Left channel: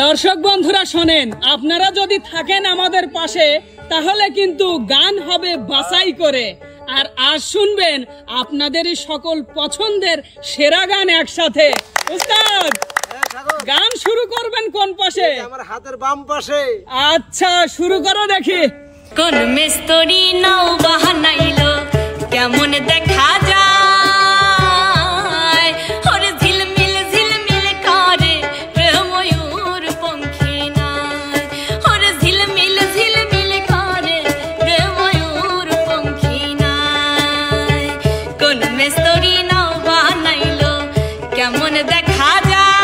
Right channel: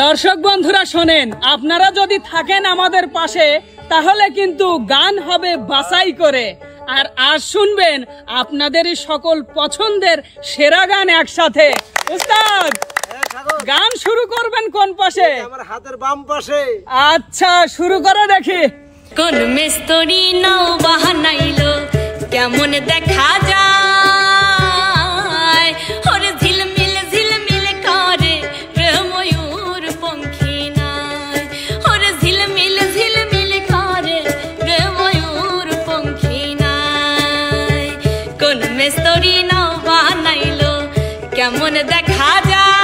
দর্শক বন্ধুরা শোনেন, আপনারা যদি থাকেন আমাদের পাশে তাহলে কিন্তু গান হবে বাছাই করে। আর আজ শুনবেন আপনাদেরই সকল পছন্দের সেরা গান একসাথে। উস্তাদ, গান শুরু করবেন কোন পাশে? আমার হাতের বাম পাশে। আচ্ছা, শুরু করো দেখি। কোন মিস্ত্রি নাও বাহানাইলো কেমন দেখা যায়, ওরে ঝিলমিল ঝিলমিল করে রে ময়ূর পঙ্খী নাই, ওরে ঝিলমিল ঝিলমিল করে রে ময়ূর পঙ্খী নাই। কোন মিস্ত্রি নাও বাহানাইলো কেমন দেখা যায়,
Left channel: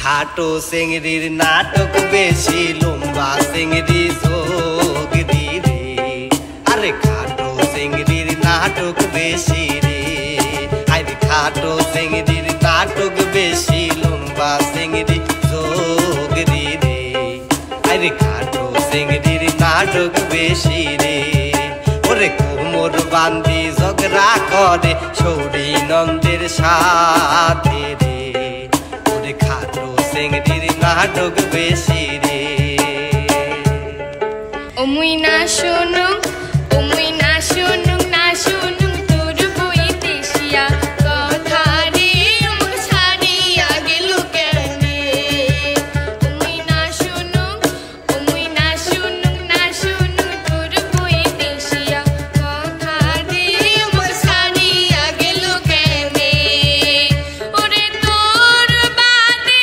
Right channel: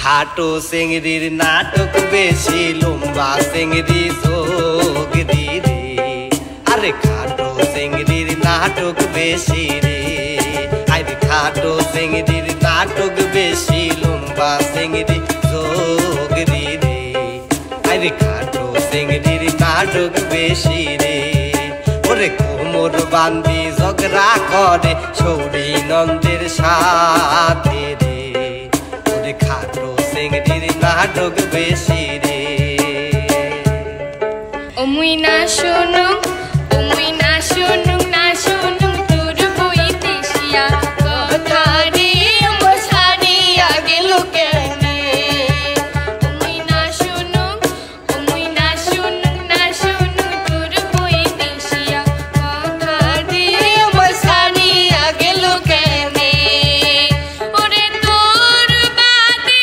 খাটো চিংড়ির নাটক বেশি, লম্বা চিংড়ি যোগ দি রে। আরে খাটো চিংড়ির নাটক বেশি রে, আরে খাটো চিংড়ির নাটক বেশি, লম্বা চিংড়ি যোগ দি রে। আরে খাটো চিংড়ির নাটক বেশি রে, ওরে কোমর বান্দি ঝগড়া করে ছৌরি নন্দের সাথে রে। ওরে খাটো চিংড়ির নাটক বেশি রে। অমুই না শুনু না শুনু তোর বইতেছিয়া কথা রে মশারিয়া গেল কেনে। অমুই না শুনু না শুনু তোর বইতেছিয়া কথা রে মশারিয়া গেল কেনে। ওরে তোর বাদে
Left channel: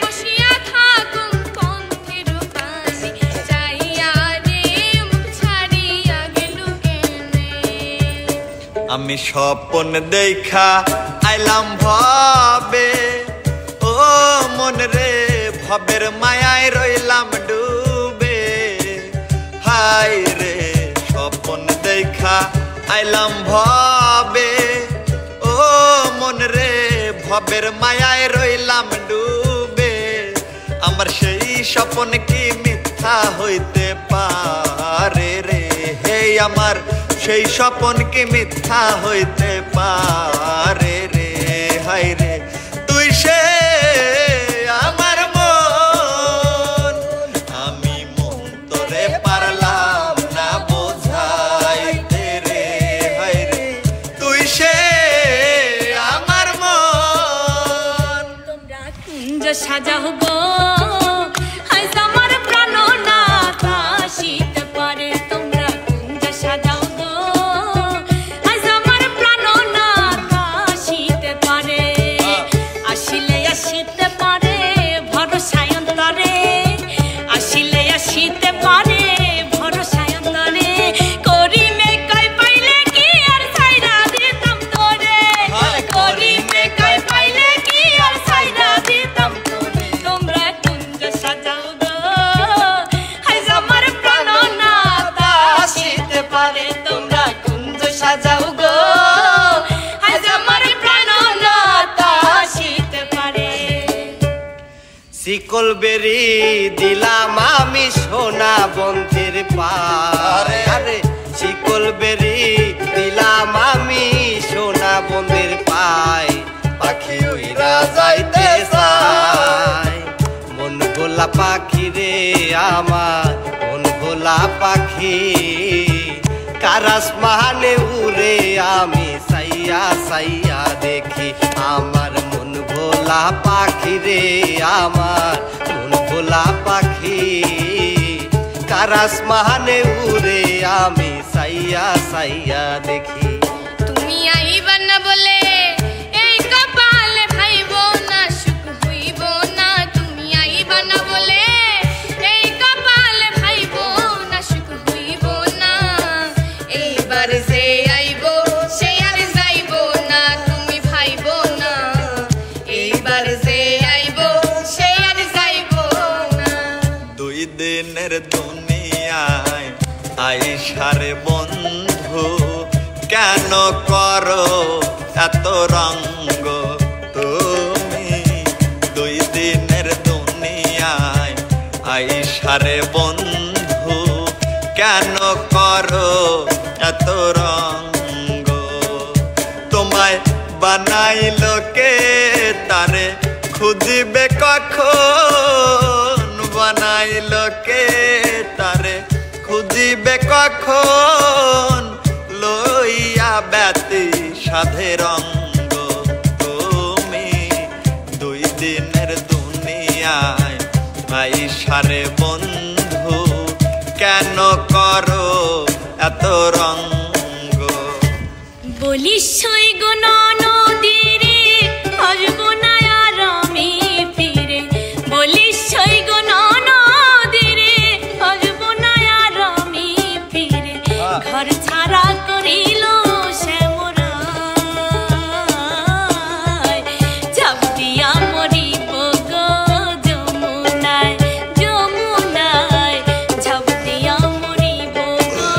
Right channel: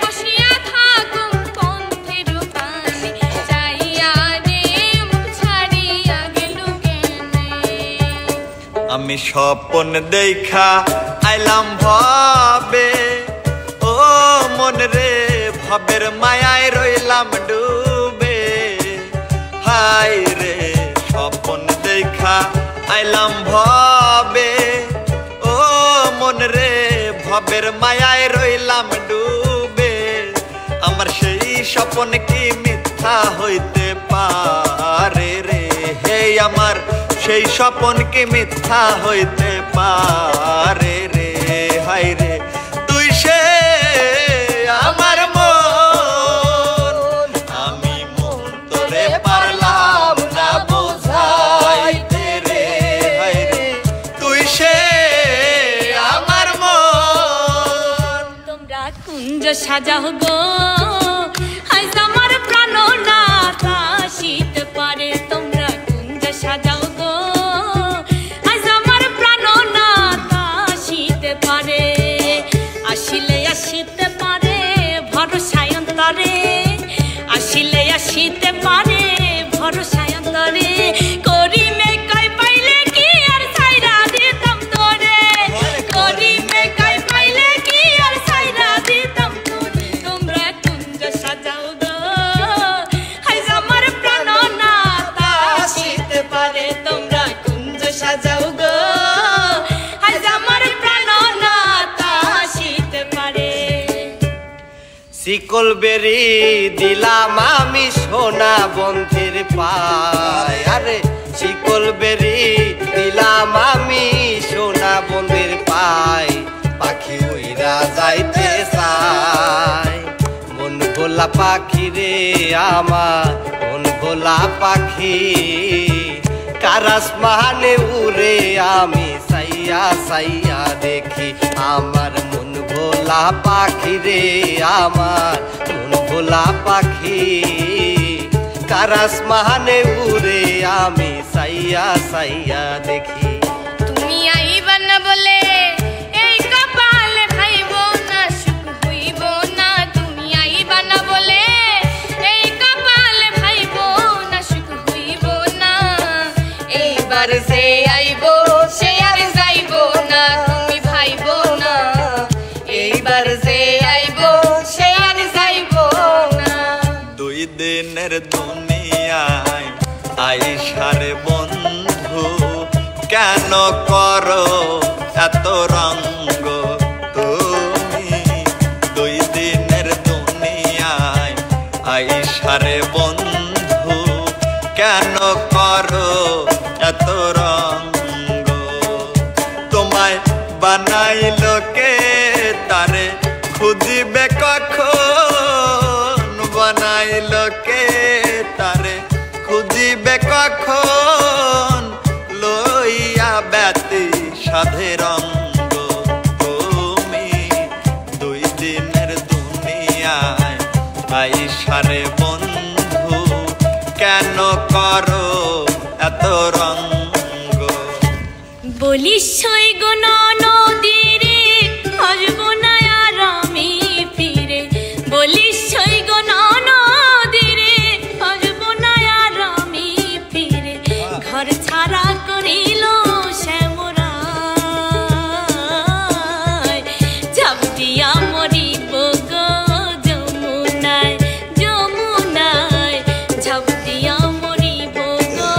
বসিয়া থাকুম পন্থের পানি চাইয়া রে মুখ ছাড়িয়া গেল কেনে। আমি স্বপন দেখা আইলাম ভাবে, ও মন রে ভবের মায়ায় রইলাম ডুবে। হাই রে স্বপন দেখা আইলাম ভাবে, ও মন রে ভবের মায়ায় রইলাম ডুবে। আমার সেই স্বপন কি মিথ্যা হইতে পারে রে, হে আমার সেই স্বপন কি মিথ্যা হইতে পারে রে। হাই রে তুই সে আমার মন, আমি মন তোরে পারলাম না বোঝাইতে রে। হাই রে তুই সে আমার মন। তোমরা কুঞ্জ সাজাও গো আজ আমার প্রাণনাথ আসিতে পারে। তোমরা কুঞ্জ সাজাও গো আজ আমার প্রাণনাথ আসিতে পারে। আসিলে আসিতে পারে ভরসায় অন্তরে, আসিলে আসিতে পারে ভরসায় অন্তরে। করিমে কই পাইলে কি আর সাইরা দিতাম তোরে, করিমে কই পাইলে কি আর সাইরা দিতাম তোরে। তোমরা কুঞ্জ সাজাও গো আজ আমার প্রাণনাথ আসিতে পারে। তোমরা কুঞ্জ সাজাও গো আজ আমার প্রাণনাথ আসিতে পারে। শিকল বেরি দিলাম আমি সোনা বন্ধের পায়, আরে শিকল বেরি দিলাম আমি সোনা বন্ধের পায়। পাখি উইরা যাইতে চায়, মন ভোলা পাখি রে আমার মন ভোলা পাখি। কারাস মাহানে উড়ে আমি সাইয়া সাইয়া দেখি, আমার মন ভোলা পাখি রে আমার মন ভোলা পাখি। কারাস মাহানে উড়ে আমি সাইয়া সাইয়া দেখি। তুমি আইবা না বলে এই কপাল ভাইব না, সুখ হইব না। তুমি আইবা না বলে এই কপাল ভাইব না, সুখ হইব না। এইবার যে আইব সে আর যাইব না, তুমি ভাইব না। এইবার যে আইব সে আর যাইব না। দুই দিনের দুনিয়ায় আইসারে বন্ধু, আইসারে বন্ধু কেন করো এত রঙ্গ তোমায় বানাইল কে তারে খুঁজিবে কখন বানাইল কে তারে খুঁজিবে কখন লইয়া ব্যতি সাধে রঙ্গ তুমি দুই দিনের দুনিয়ায় আইসারে বন্ধু কেন করো এত রঙ্গ বলিস সই গো নদীরে আসবো না আর আমি ফিরে বলিস সই গো নদীরে আসবো না আর আমি ফিরে ঘর ছাড়া করিল শ্যামরায় ঝাঁপ দিয়া মরিব গো যমুনায় যমুনায় ঝাঁপ দিয়া মরিব গো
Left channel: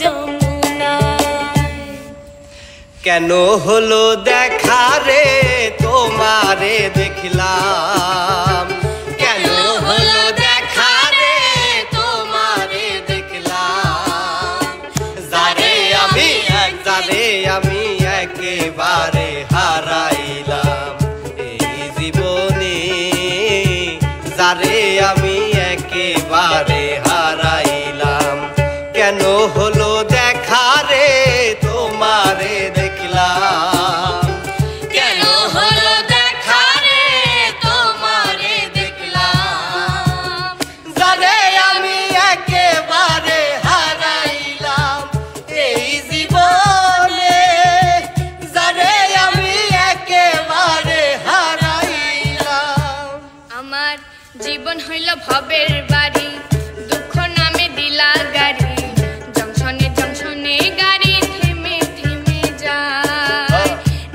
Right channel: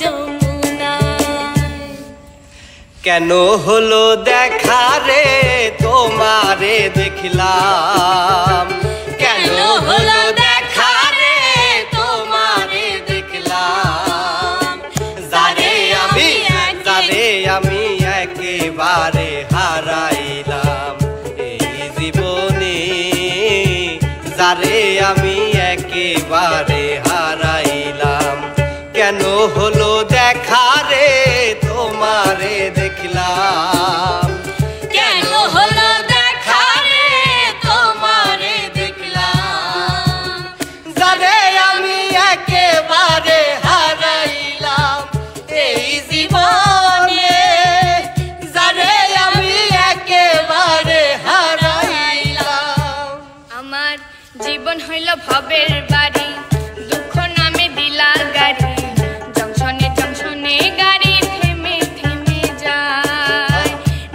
যমুনায় কেন হলো দেখা রে তোমারে দেখলাম কেন হলো দেখা রে তোমারে দেখলাম যারে আমি একেবারে হারাইলাম এই জীবনে যারে আমি একেবারে হারাইলাম কেন হলো দেখা রে তোমারে দেখলাম কেন হলো দেখা রে তোমারে দেখলাম যারে আমি একেবারে হারাইলাম এই জীবনে যারে আমি একেবারে হারাইলাম আমার জীবন হইল ভবের বাড়ি দুঃখ নামে দিলার গাড়ি জংশনে জংশনে গাড়ি থেমে থেমে যায়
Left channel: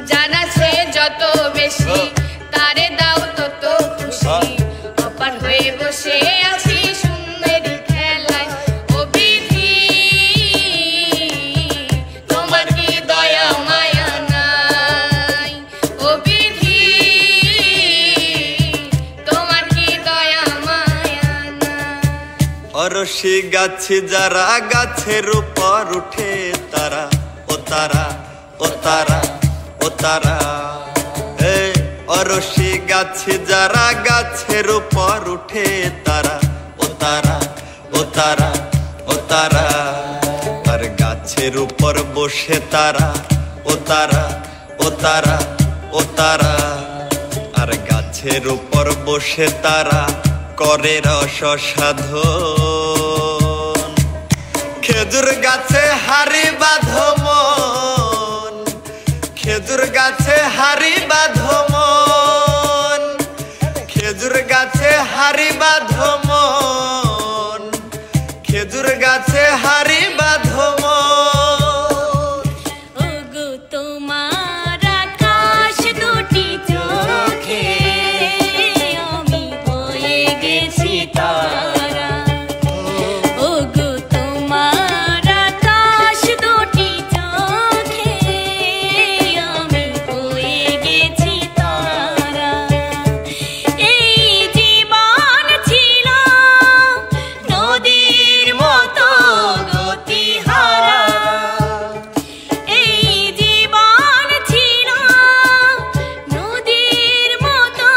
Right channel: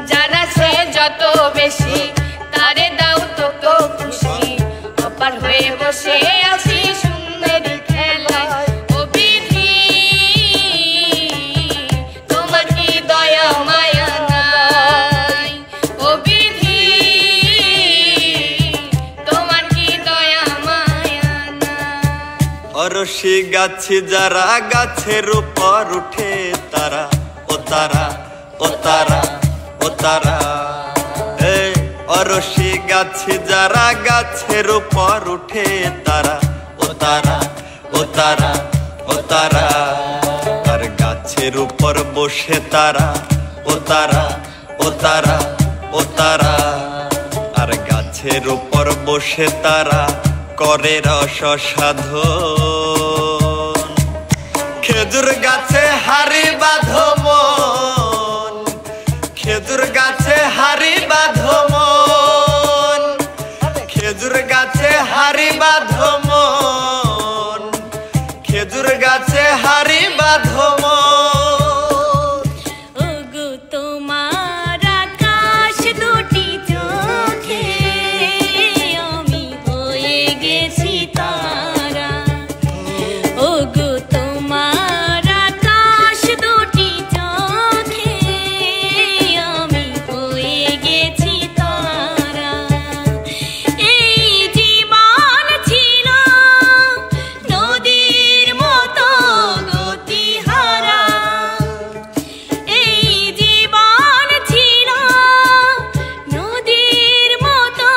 যারা সে যত বেশি তারে দাও তত খুশি অপার হয়ে বসে আছি শূন্যের খেলায় ও বিধি তোমার কি দয়া মায়া নাই ও বিধি তোমার কি দয়া মায়া নাই অরসি গাছে যারা গাছের উপর উঠে তারা ও তারা ও তারা ও তারা অরসি গাছে যারা গাছের উপর উঠে তারা ও তারা ও তারা ও তারা আর গাছের উপর বসে তারা ও তারা ও তারা ও তারা আর গাছের উপর বসে তারা করে রস সাধন খেজুর গাছে হাড়ি বাঁধো মন খেজুর গাছে হাড়ি বাঁধো মন খেজুর গাছে হাড়ি বাঁধো মন খেজুর গাছে হাড়ি বাঁধো মন ওগো তোমার আকাশ দুটি চোখে আমি হয়ে গেছি তারা ওগো তোমার আকাশ দুটি চোখে আমি হয়ে গেছি তারা এই জীবন ছিল নদীর মতো গতিহারা এই জীবন ছিল নদীর মতো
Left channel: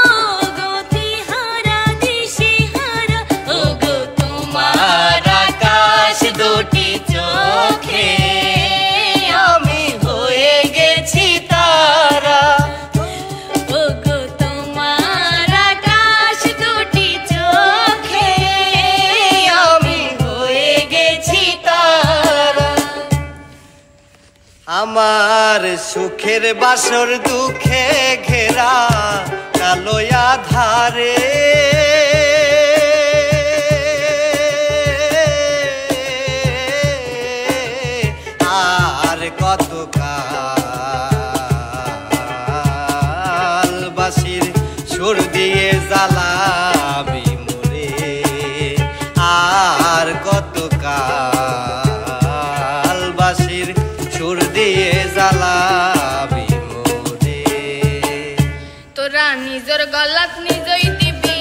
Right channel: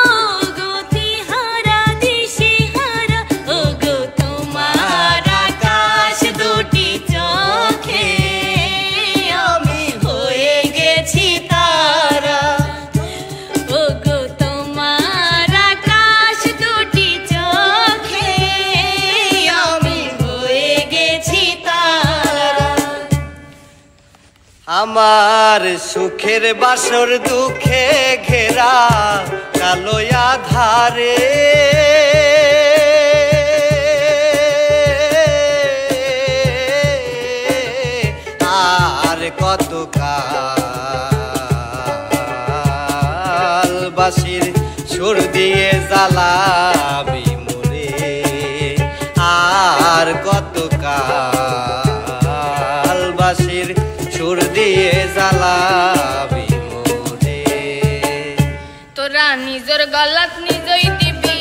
গতিহারা দিশেহারা ওগো তোমার আকাশ দুটি চোখে আমি হয়ে গেছি তারা ওগো তোমার আকাশ দুটি চোখে আমি হয়ে গেছি তারা আমার সুখের বাসর দুঃখে ঘেরা কালো আধারে আর কত কাল বাসির সুর দিয়ে জ্বালাবি মরে আর কত কাল বাসির সুর দিয়ে জ্বালাবি মরে তোরা নিজের গলাত নিজই দিবি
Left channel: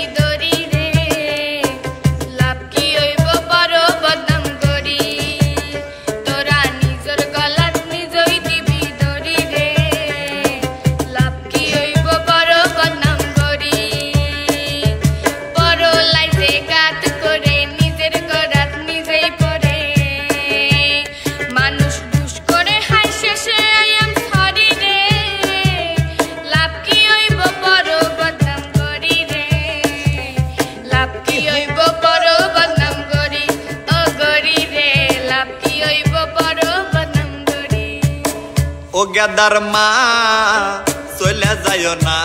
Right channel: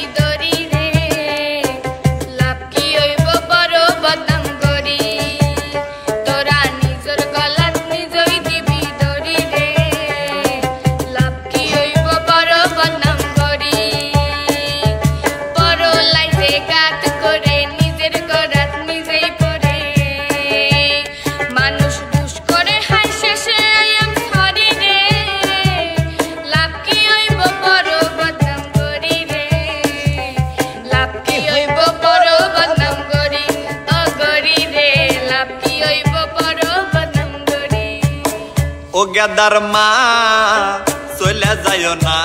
গেদার মা চলে যায় না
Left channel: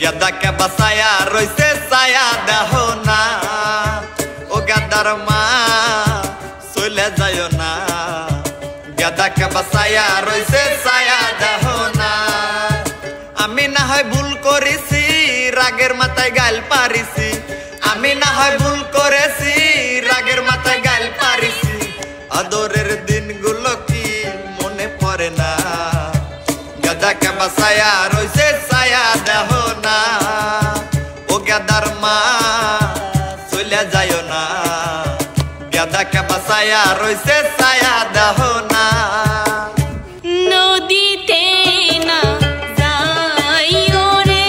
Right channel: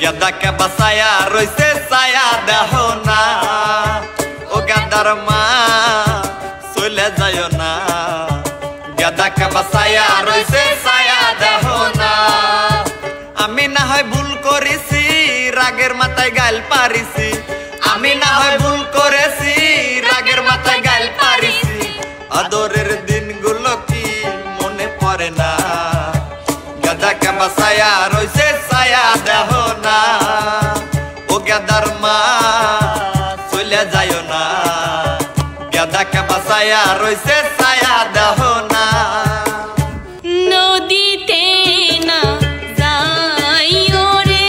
গেদাকে বাসায়া রইছে ছায়া দেহ না ও গেদার মা চলে যায় না গেদাকে বাসায়া রইছে ছায়া দেহ না আমি না হয় ভুল করেছি রাগের মাথায় গাল পারিছি আমি না হয় ভুল করেছি রাগের মাথায় গাল পারিছি আদরের দিনগুলো কি মনে পড়ে না গেদাকে বাসায়া রইছে ছায়া দেহ না ও গেদার মা চলে যায় না গেদাকে বাসায়া রইছে ছায়া দেহ না নদীতে না যাইও রে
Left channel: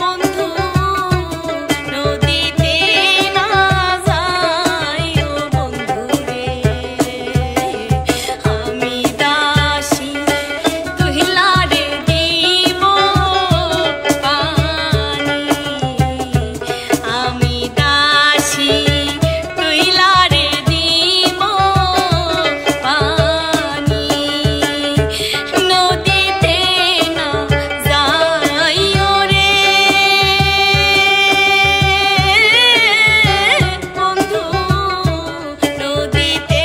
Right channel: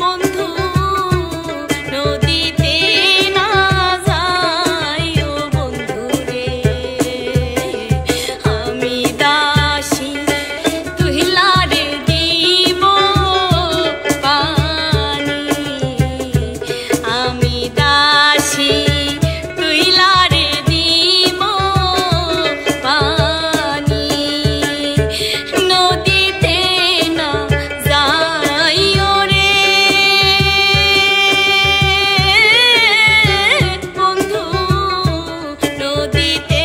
বন্ধু নদীতে না যাইও বন্ধু রে আমি দাসী তুহিলারে দিব পানি আমি দাসী তুহিলারে দিব পানি নদীতে না যাইও রে বন্ধু নদীতে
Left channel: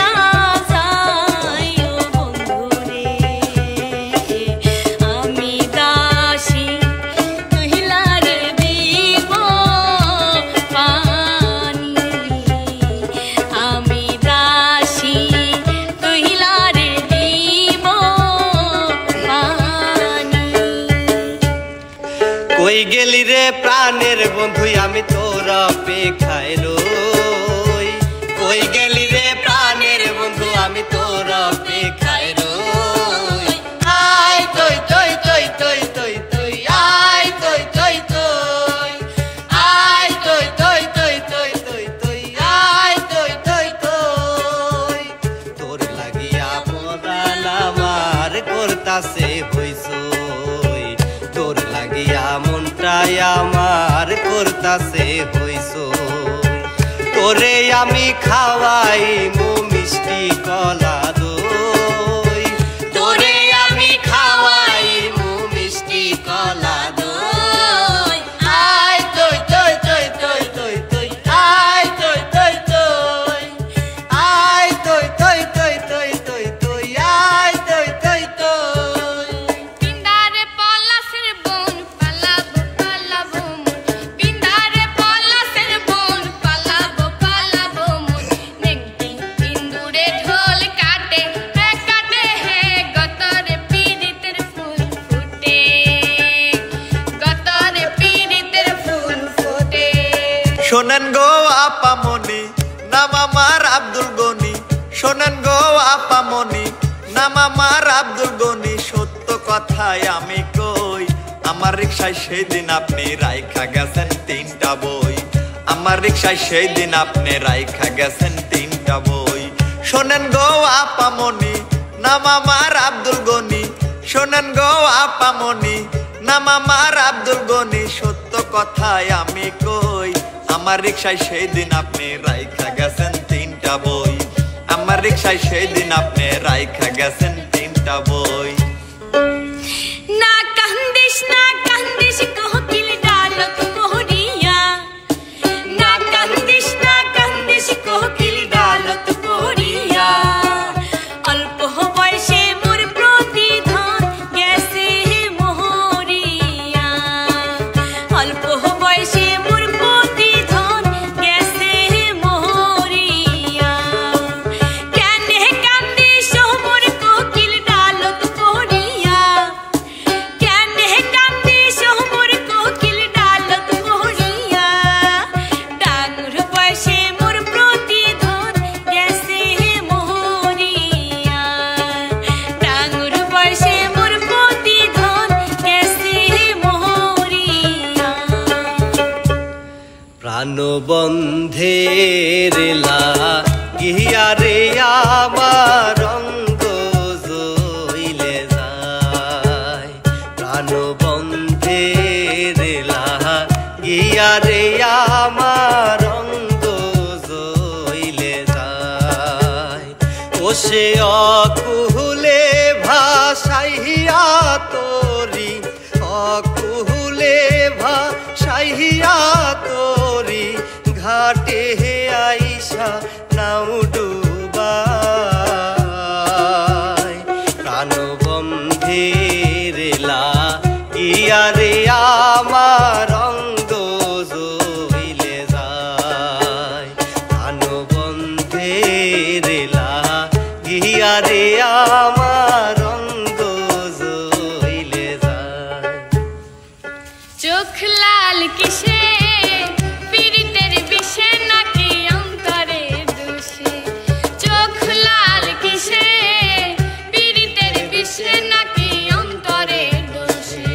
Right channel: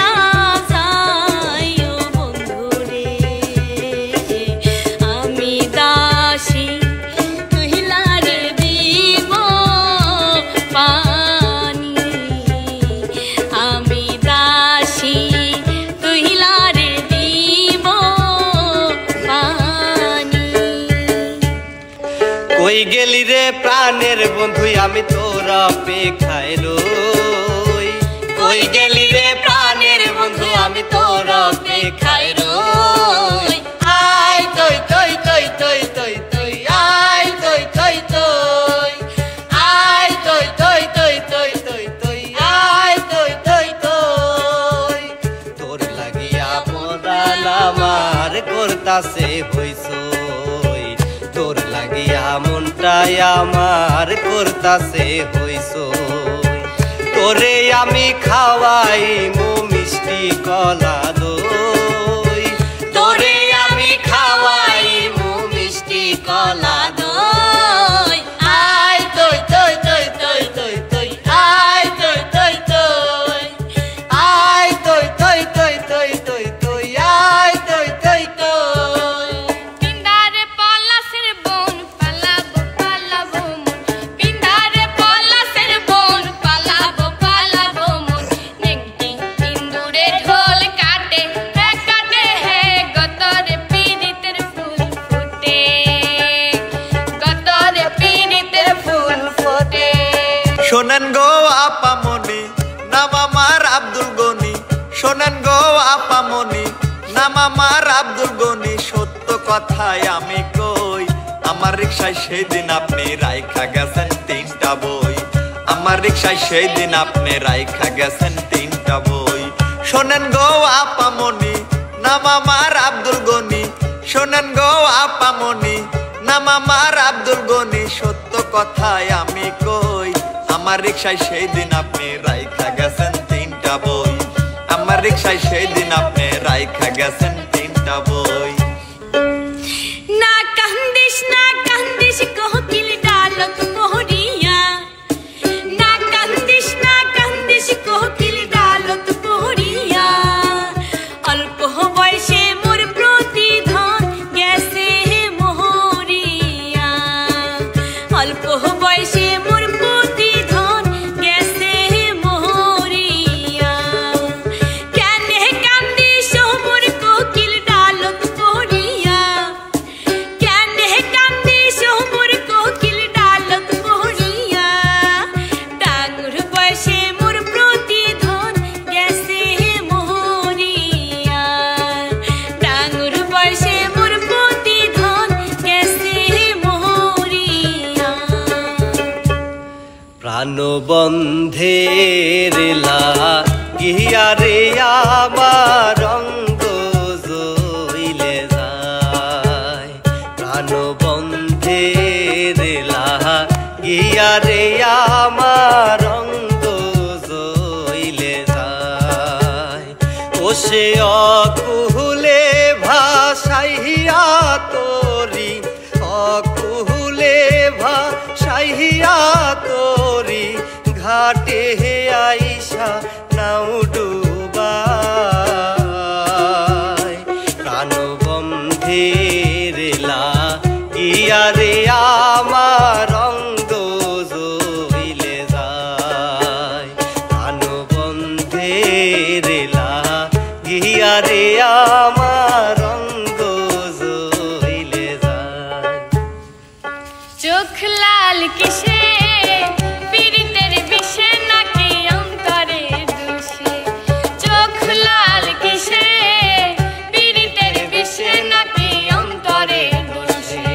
না যাইও বন্ধু রে আমি দাসী তুহিলারে দিব পানি আমি দাসী তুহিলারে দিব পানি কই গেলি রে প্রাণের বন্ধু আমি তোর অপেক্ষায় রই কই গেলি রে প্রাণের বন্ধু আমি তোর অপেক্ষায় রই আয় তই তই তই তই তই তই আয় তই তই তই আয় তই তই তই তই তই তই আয় তই তই তই তোর লাগিয়া মোরাল আমার করতাছে হইছই তোর লাগিয়া মনটাই আমার করতাছে হইছই তোরে আমি খাওয়াই মো মিষ্টি কলা দই তোরে আমি খাওয়াই মো মিষ্টি কলা দই আয় তই তই তই তই তই তই আয় তই তই তই আয় তই তই তই তই তই তই আয় তই তই তই পিন্ডারে পলাশের বোন পালাবো পালাবো পিন্ডারে পলাশের বোন পালাবো পালাবো নেংটি পিন্দুরে ঢোল কাটে হে গতরে পিরিতের ফুল ফোটে গতরে পিরিতের ফুল ফোটে শোনেন গো আপামনি নাম আমার আব্দুল গনি শোনেন গো আপামনি নাম আমার আব্দুল গনি সত্য কথাই আমি কই আমার রিকশায় সেদিন আপনি রাইখা গেছেন 3টা বই আমার রিকশায় সেদিন আপনি রাইখা গেছেন 3টা বই শোনেন গো আপামনি নাম আমার আব্দুল গনি শোনেন গো আপামনি নাম আমার আব্দুল গনি সত্য কথাই আমি কই আমার রিকশায় সেদিন আপনি রাইখা গেছেন 3টা বই আমার রিকশায় সেদিন আপনি রাইখা গেছেন 3টা বই না কান্দিস কোকিল ডালত কোহরিয়া না কান্দিস কোকিল ডালত কোহরিয়া অল্প বয়সে মোর প্রতিধন গেছে মোহরিয়া অল্প বয়সে মোর প্রতিধন গেছে মোহরিয়া কেনে কান্দিস মোর কোকিল ডালত কোহরিয়া কেনে কান্দিস মোর কোকিল ডালত কোহরিয়া ডাঙর বয়সে মোর প্রতিধন গেছে মোহরিয়া ডাঙর বয়সে মোর প্রতিধন গেছে মোহরিয়া প্রাণবন্ধের লাগিয়া রে আমার অঙ্গ জইলে যায় প্রাণবন্ধের লাগিয়া রে আমার অঙ্গ জইলে যায় ও সে চাহিয়া তোরি ঘাটে আইসা নাও ডুবাই প্রাণবন্ধের লাগিয়া রে আমার অঙ্গ জহিলে যায় প্রাণবন্ধের লাগিয়া রে আমার অঙ্গ জহিলে যায় চোখ লাল কিসে পীড়িতের বিষে নাকি অন্তরে দুষে চোখ লাল কিসে পীড়িতের বিষে নাকি অন্তরে দুষে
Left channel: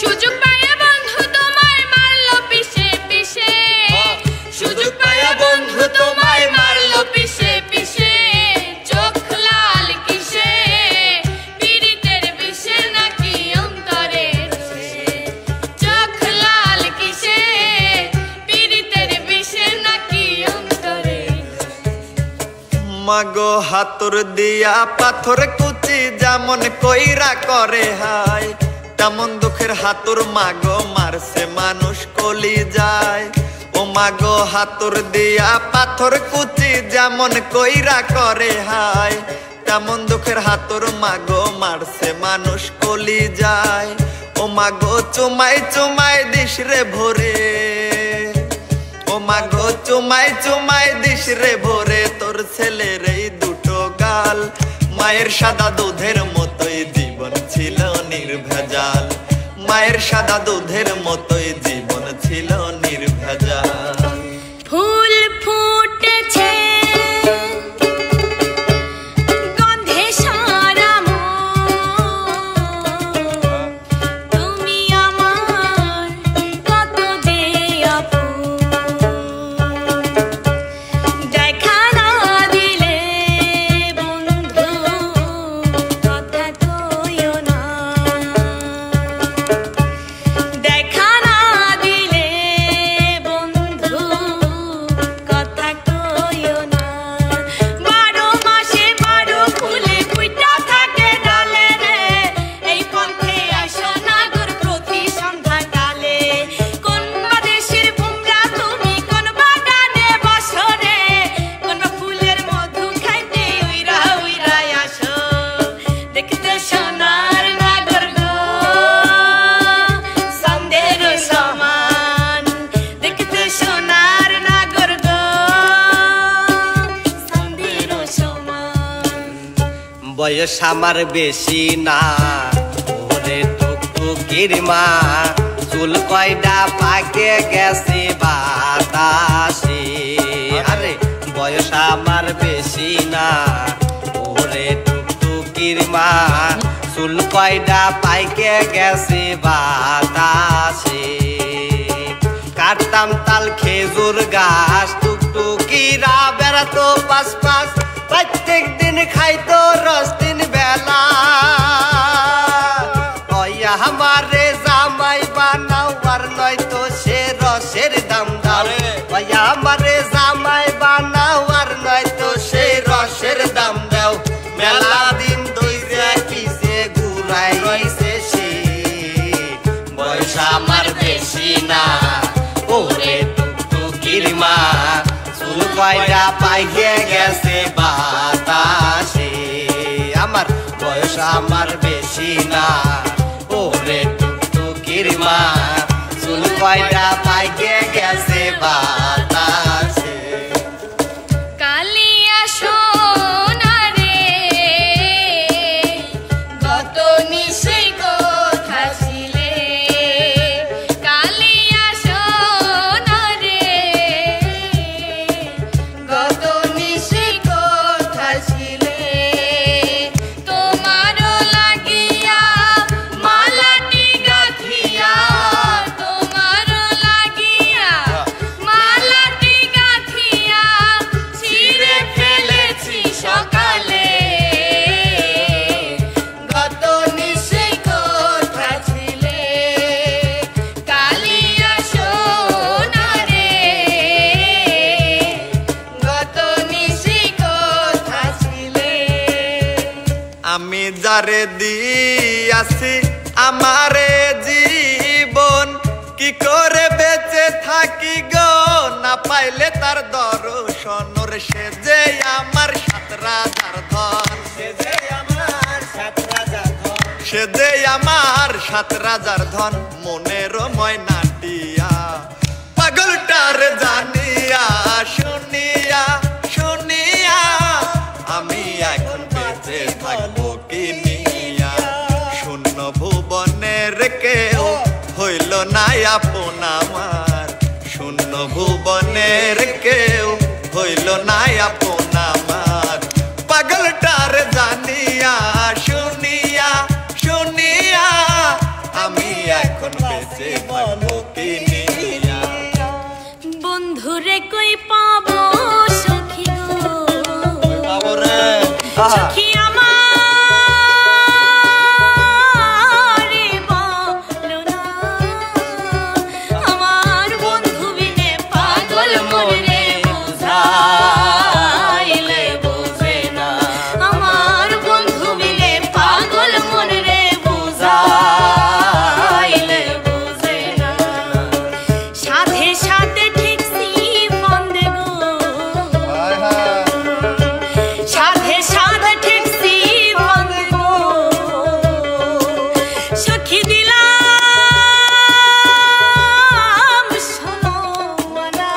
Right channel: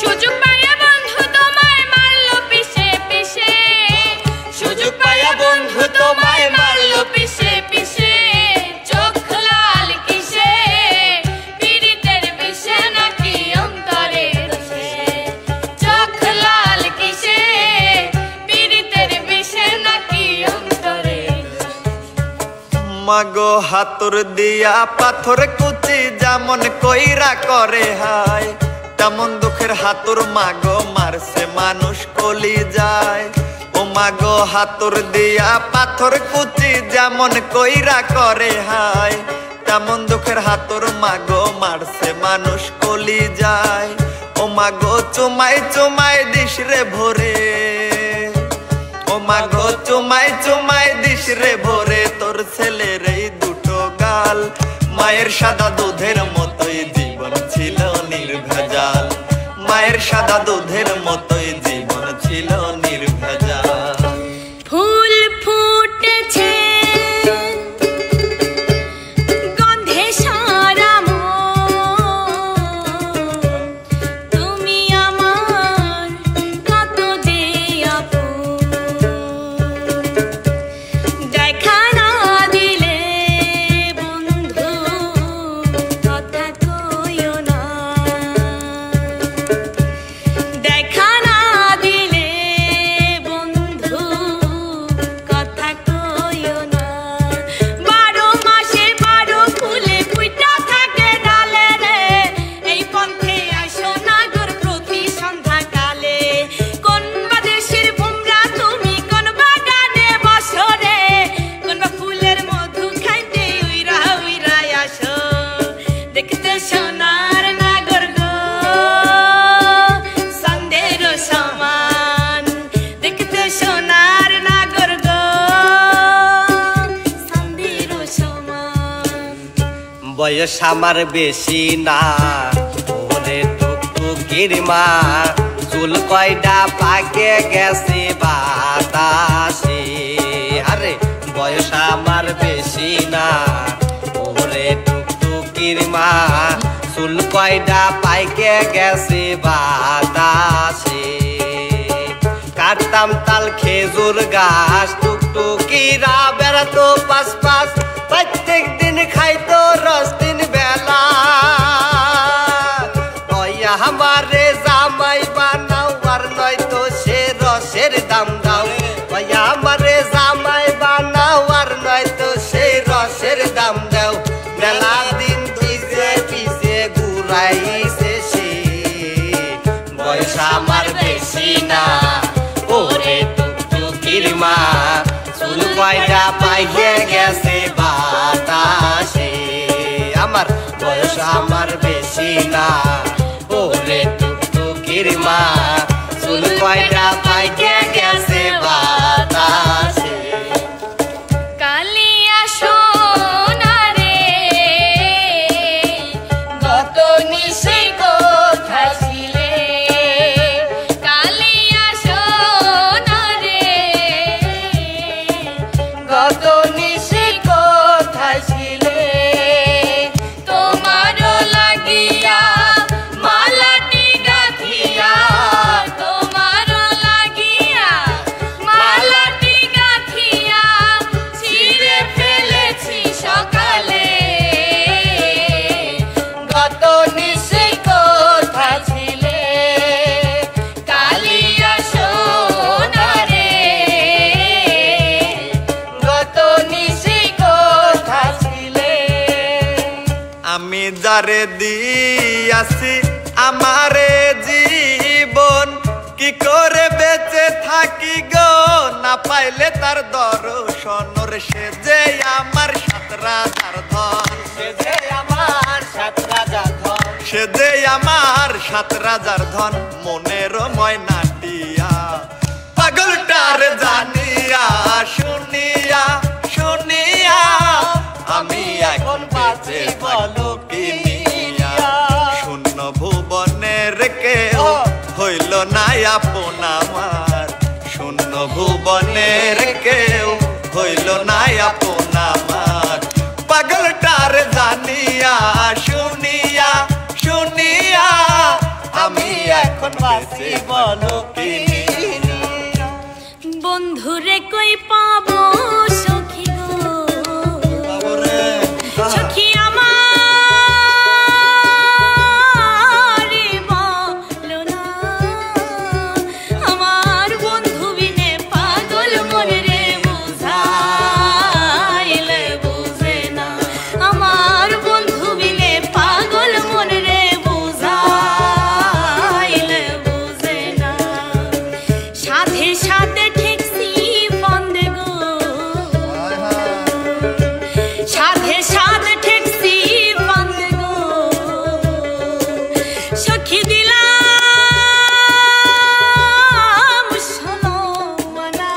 সুযোগ পায়া বন্ধু তোমায় মারলো পিছে পিছে সুযোগ পায়া বন্ধু তোমায় মারলো পিছে পিছে চোখ লাল কিসে পীড়িতের বিষে নাকি অন্তরে দুষে চোখ লাল কিসে পীড়িতের বিষে নাকি অন্তরে মাগো হাতুর দিয়া পাথর কুচি যেমন কইরা করে হায় তেমন দুঃখের হাতুর মাগো মারছে মানুষ কলি যায় ও মাগো হাতুর দিয়া পাথর কুচি যেমন কইরা করে হায় তেমন দুঃখের হাতুর মাগো মারছে মানুষ কলি যায় ও মাগো চুমাই চুমাই দিস রে ভোরে ও মাগো চুমাই চুমাই দিস রে ভোরে তোর ছেলের এই দুটো গাল মায়ের সাদা দুধের মতোই জীবন ছিল নির্ভেজাল মায়ের সাদা দুধের মতোই জীবন ছিল নির্ভেজাল ফুল ফুটেছে গন্ধে সারা মন তুমি আমার কত যে আপন দেখা না দিলে বন্ধু কথা কইও না দেখা না দিলে বন্ধু কথা কইও না 12 মাসে 12 ফুলে ফুইটা থাকে ডালে রে এই পথে আসো নাগর প্রতি সন্ধ্যা কালে কোন দেশের ভুমরা তুমি কোন বাগানে বসো রে কোন ফুলের মধু খাইতে উইরা উইরা আসো দেখতে সোনার নাগর গো সন্দের সমান দেখতে সোনার নাগর গো সন্দের সমান বয়স আমার বেশি না ওরে টুকটুকির মা চুল কয়টা পাকে গেছে বাতাসে আরে বয়স আমার বেশি না ওরে টুকটুকির মা চুল কয়টা পাইকে গেছে বাতাসে কাটতাম তাল খেজুর গাছ টুকটুকিরা বেড়াতো পাশ পাশ প্রত্যেক দিন খাইতো রস দিন বেলা কইয়া আমারে জামাই বানাও আর নয়তো সে রসের দাম দাও কইয়া আমারে জামাই বানাও আর নয়তো সে রসের দাম দাও মেলা দিন দিছে পিছে ঘুরাইছে সে বয়স আমার বেশি না ওরে টুকটুকির মা চুল কয়টা পাইয়ে গেছে বাতাসে আমার বয়স আমার বেশি না ওরে টুকটুকির মা চুল কয়টা পাইয়ে গেছে বাতাসে কালিয়া সোনারে গত নিশে কোথায় ছিলে কালিয়া সোনারে গত নিশে কোথায় ছিলে তোমারও লাগিয়া মালাটি গাঁথিয়া তোমারও লাগিয়া সাত রাজার ধন মনের ময়নাটিয়া পাগলটার জানিয়া শুনিয়া শুনিয়া আমি এখন বেঁচে বলো কিনিয়া শূন্য ভুবনের কেউ হইল না আপন আমার শূন্য ভুবনের কেউ হইল না আপন আমার পাগলটার জানিয়া শুনিয়া শুনিয়া আমি এখন বেঁচে বলো কিনিয়া বন্ধুরে কই পাবো সখী গো বাবা রে সখী আমার বলো না আমার বন্ধু বিনে পাগল মনে রে বুঝাইলে বুঝে না আমার বন্ধু বিনে পাগল মনে রে বুঝাইলে বুঝে না সাথে সাথে ঠিকছি বন্দে গো সাথে সাথে ঠিকছি বন্দে গো সখী দিলাম সোনাওয়ালা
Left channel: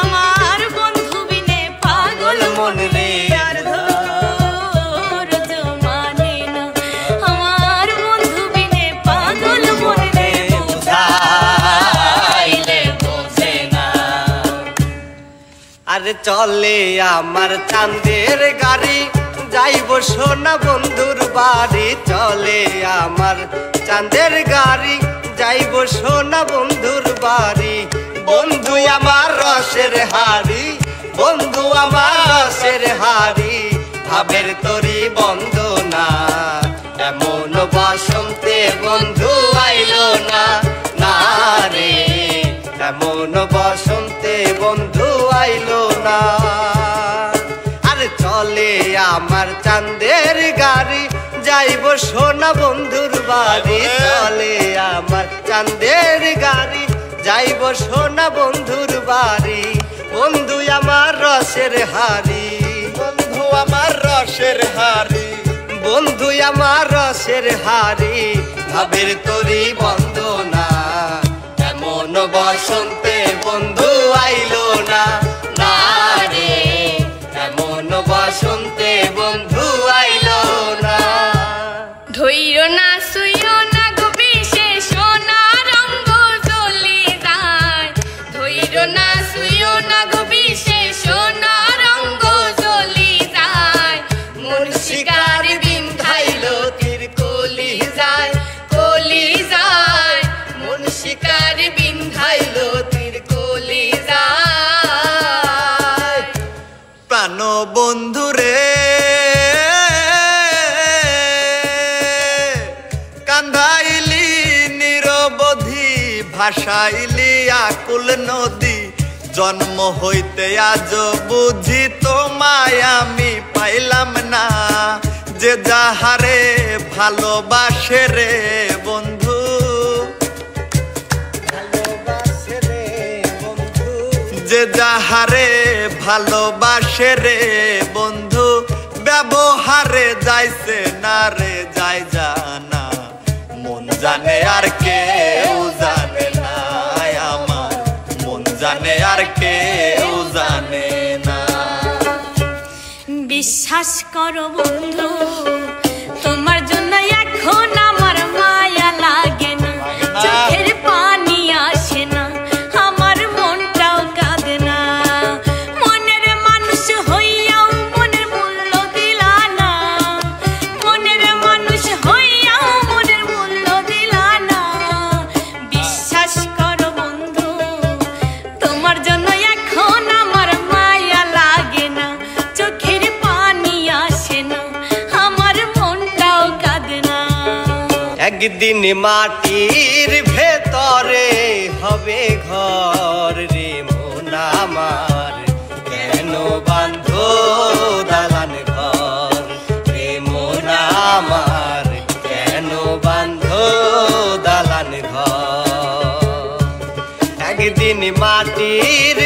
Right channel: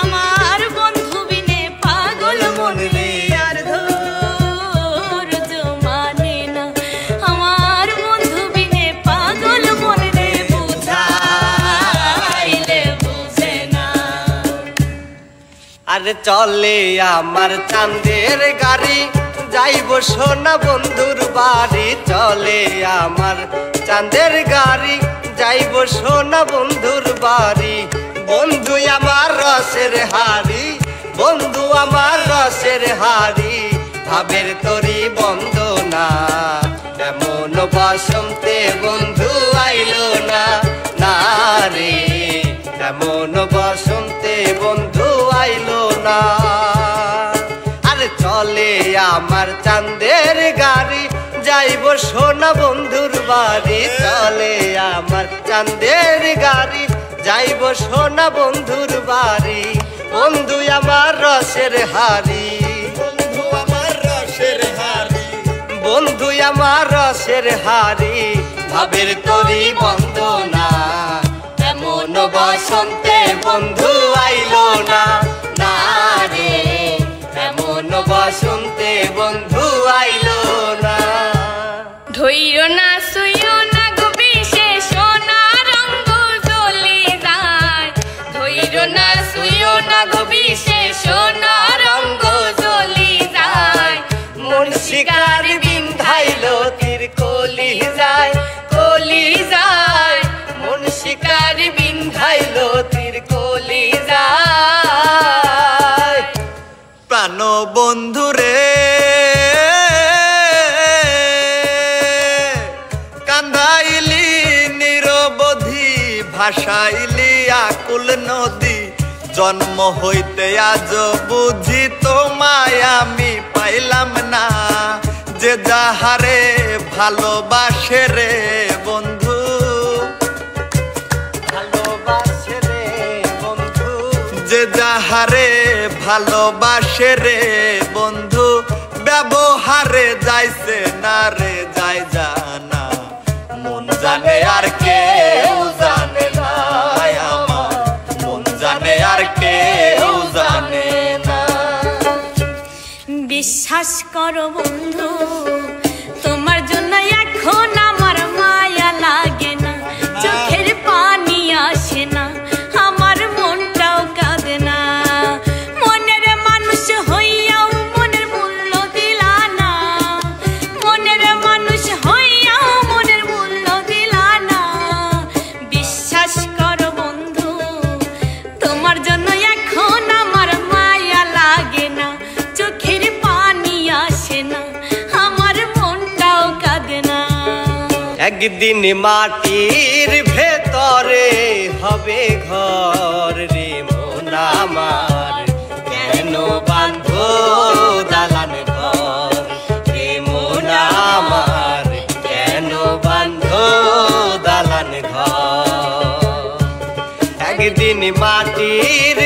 আমার বন্ধু বিনে পাগল মনে রে আর ধৈর্য মানে না আমার বন্ধু বিনে পাগল মনে রে বুঝাইলে বুঝে না আরে চলে আমার চাঁদের গাড়ি যাইব সোনা বন্ধুর বাড়ি চলে আমার চাঁদের গাড়ি যাইব সোনা বন্ধুর বাড়ি বন্ধু আমার রসের হাড়ি বন্ধু আমার রসের হাড়ি ভাবের তরি বন্দনা এমন বসন্তে বন্ধু আইলো না না রে এমন বসন্তে বন্ধু আইলো না আরে চলে আমার চাঁদের গাড়ি যাইব সোনা বন্ধুর বাড়ি চলে আমার চাঁদের গাড়ি যাইব সোনা বন্ধুর বাড়ি বন্ধু আমার রসের হাড়ি বন্ধু আমার রসের হাড়ি বন্ধু আমার রসের হাড়ি ভাবের তরি বন্দনা এমন বসন্তে বন্ধু আইলো না না রে এমন বসন্তে বন্ধু আইলো না ধৈর্য না সইও না গো বিশেষ সোনা রঙ্গ জ্বলি যায় ধৈর্য না সইও না গো বিশেষ সোনা রঙ্গ জ্বলি যায় মন শিকার বিন্ধাইলো তীর কলি যায় মন শিকার বিন্ধাইলো তীর কলি যায় প্রাণ বন্ধু রে কান্দাইলি নিরবধি ভাসাইলি আকুল নদী জন্ম হইতে আজ বুঝি তোমায় আমি পাইলাম না যে যাহারে ভালোবাসে রে বন্ধু ভালোবাসে রে বন্ধু যে যাহারে ভালোবাসে রে বন্ধু ব্যবহারে যাইছে না রে যাই জানা মন জানে আর কেউ জানে না আমার মন জানে আর কেউ জানে না বিশ্বাস করো বন্ধু তোমার জন্য এখন আমার মায়া লাগে না চোখের পানি আসে না আমার মনটাও কাঁদে না মনের মানুষ হইয়াও মনের মূল্য দিলা না মনের মানুষ হইয়াও মনের মূল্য দিলা না বিশ্বাস করো বন্ধু তোমার জন্য এখন আমার মায়া লাগে না চোখের পানি আসে না আমার মনটাও কাঁদে না একদিন মাটির ভেতরে হবে ঘর রে মন আমার কেন বাঁধো দালান ঘর রে মন আমার কেন বাঁধো দালান ঘর একদিন মাটির